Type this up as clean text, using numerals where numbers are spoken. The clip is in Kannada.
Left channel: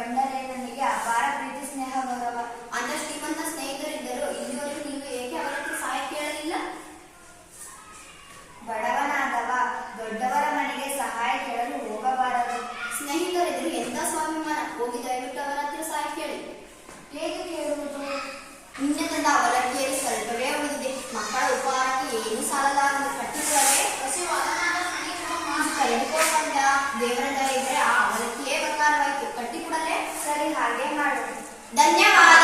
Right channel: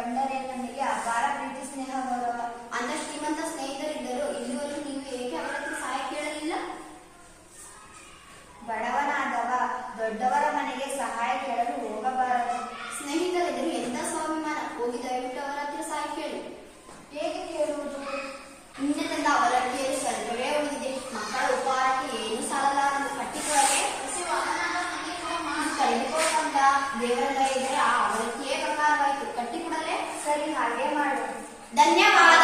ಕಂಡರೆ ನನಗೆ ಅಪಾರ ಪ್ರೀತಿ ಸ್ನೇಹ ಗೌರವ. ಅಂತ ಶ್ರೀಮಂತ ಸ್ನೇಹಿತರಿದ್ದರು ಇಲ್ಲಿವರೆಗೂ ನೀವು ಏಕೆ ಅವರ ಹತ್ರ ಸಹಾಯ ಕೇಳಲಿಲ್ಲ? ಬಡವನಾದವ ದೊಡ್ಡವರ ಮನೆಗೆ ಸಹಾಯ ಕೇಳಲು ಹೋಗಬಾರದು. ಸ್ನೇಹಿತರಿದ್ದರು ಎಂತ ಸ್ವಾಭಿಮಾನ. ಹೋಗಿ ದಯವಿಟ್ಟು ಅವರ ಹತ್ರ ಸಹಾಯ ಕೇಳಿ. ಹೇಗೆ ಕೇಳುವುದು? ನಿನ್ನೆ ತಂದ ಅವಲಕ್ಕಿಯಲ್ಲಿ ಸ್ವಲ್ಪವೇ ಉಳಿದಿದೆ. ಮಕ್ಕಳ ಉಪಹಾರಕ್ಕೆ ಏನು ಸಾಲಲಾರದು. ಕಟ್ಟಿಕೊಳ್ಳದೆ ಕಳೆದುಕೊಂಡ ದೇವರ ದಯ ಇದ್ದರೆ ಆ ಅವಲಕ್ಕಿಯೇ ಬಂಗಾರವಾಯಿತು. ಕಟ್ಟಿಕೊಡಲೇ? ಸರಿ, ಹಾಗೆ ಮಾಡು. ಧನ್ಯವಾದ.